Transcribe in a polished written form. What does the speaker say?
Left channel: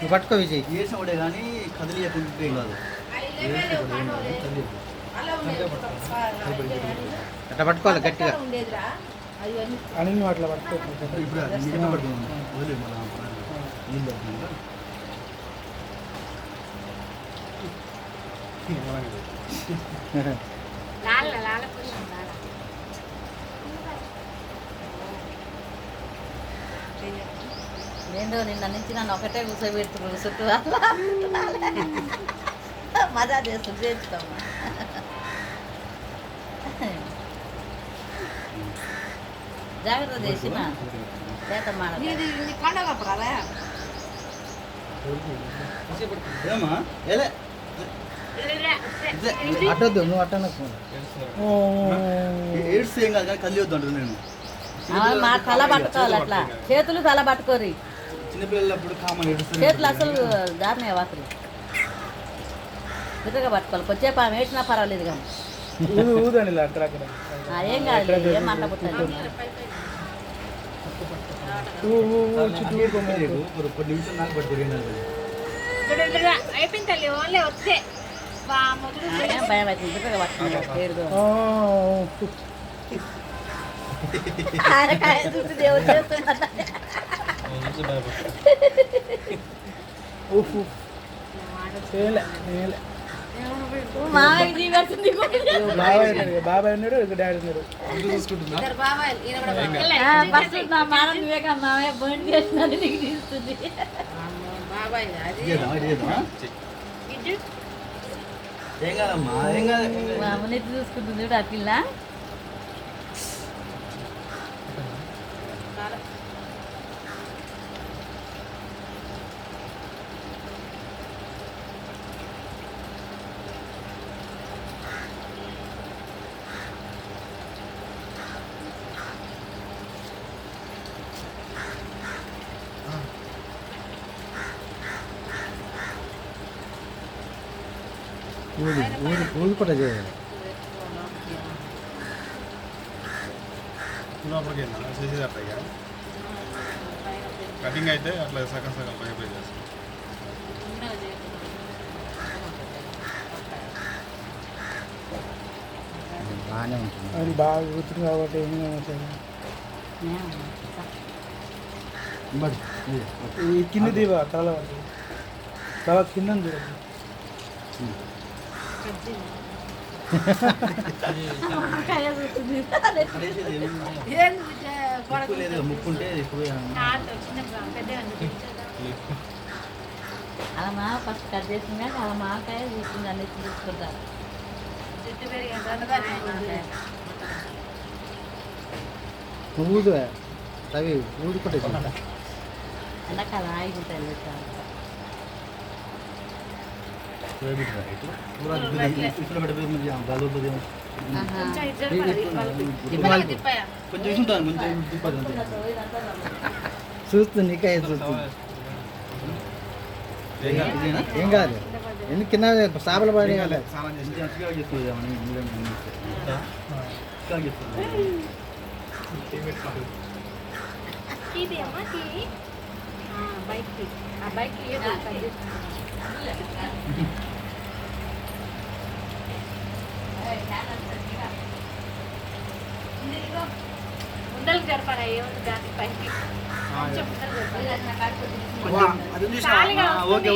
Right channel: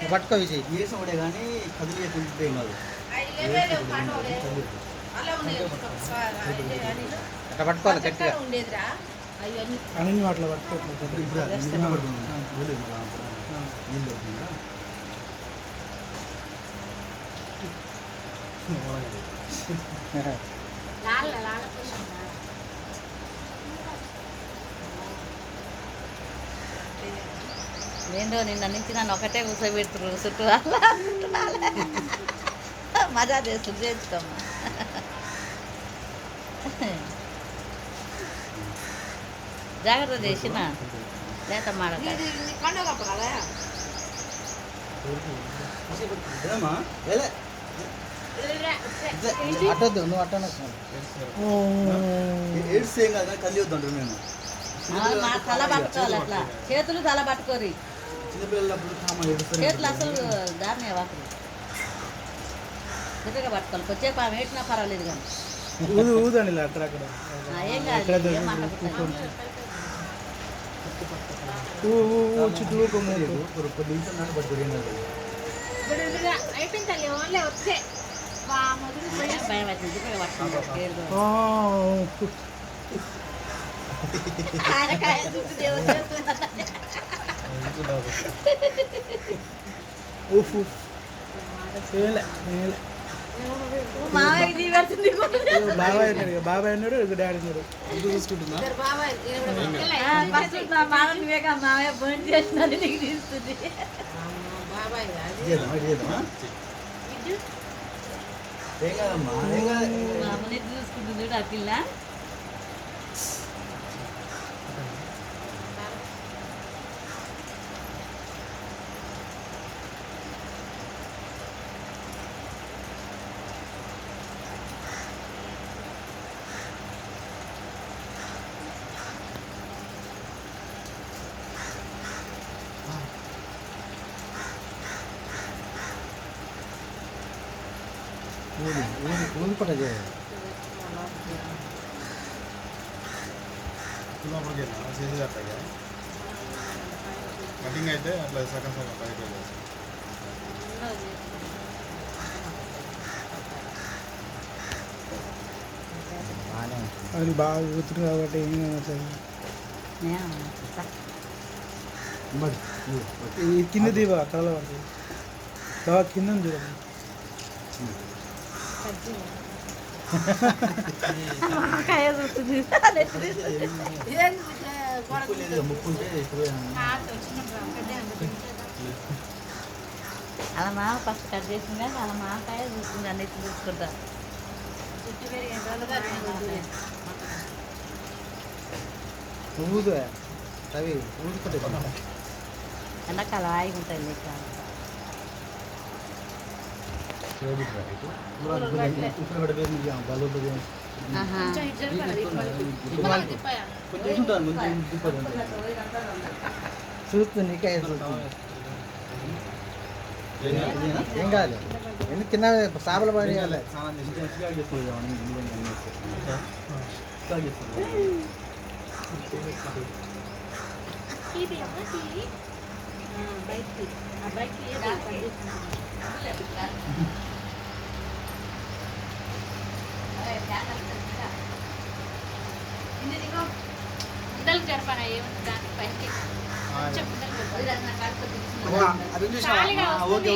నువ్వు పట్టుకో విజయ్. వేసినప్పుడే కానీ కదిలియకుంటే ఏం కాదు. అట్లా పట్టుకోవాలి గట్టిగా. అన్ని అట్లా పట్టుకోవచ్చు. ఇప్పుడు నిజంగా పడుతున్నాను. నీళ్ళు అవుతుందా? నేను నిన్న నుంచి నన్ను ఒకటే కూర్చోబెడుతున్నాను చుట్టూ మజా చేస్తుంది చేస్తాం. జాగ్రత్త చేసిన చేత ఏమా ఏలే అట్టొద్దు, నువ్వు అట్టను. ఏడ్స్ ఏం కాదు కానీ కదిలి వద్దంటారు నేను. మా తల పట్టుకోవాలి అట్లా, చేతులు తల పట్టుకోరి. చిన్నపిల్లలప్పుడు కామన్ ఏడుస్తారు. చేతులు అసలు దారినే వాతులు నిజంగా పట్టుకోవాలి. కొద్దిసేపు ఆమె వేసినా పర్వాలేదు కానీ ఊదండి అక్కడక్కడ. ఏం కాదు, ఏం మంట పుట్టాలి. కొన్ని నిమిషాలు నాకు పట్టుకోరు ఏం కాదు. భయం అవుతుంది నిజంగా పట్టుకోవాలి. బాబాయ్ అన్నాడు, డాడీ అన్నాడు. చూసుకుంటున్నా మామయ్య భోజనం చేస్తున్నారు నీకు తీస్తుంది. ఏం కాదమ్మా, ఏం కాదు. మామని చూసుకుంటుంది ఆ పిల్ల. ఊరుకుంటా లోపలికి వెళ్ళినా చేసేది అట్లా ఇక కటింగ్ అయితే అట్లా సగం సగం పై పై చేస్తాం. అది బాగా కూర్చుంది కాబట్టి ఏం ఈ కింద దీవా తల బాగా కింద చూడండి. ముక్కుంటే అలా మా ఫస్ట్ కట్ చేసింది కానీ అలా మాకాయ చూస్తుంది అన్ని చూసుకుంటా. ఊదు అవి ఊరుకుంటా. ఎండాకాల ఆగిపోతాయి. కొంచెం ఉంటాను, కొంచెం తిప్పదు. చూస్తుంది నీకే చూస్తుంది. ఏం కాదు, ఎందుకు కింద చేపల పడి కాలే. అది చూసినా ఓకే ఓకే.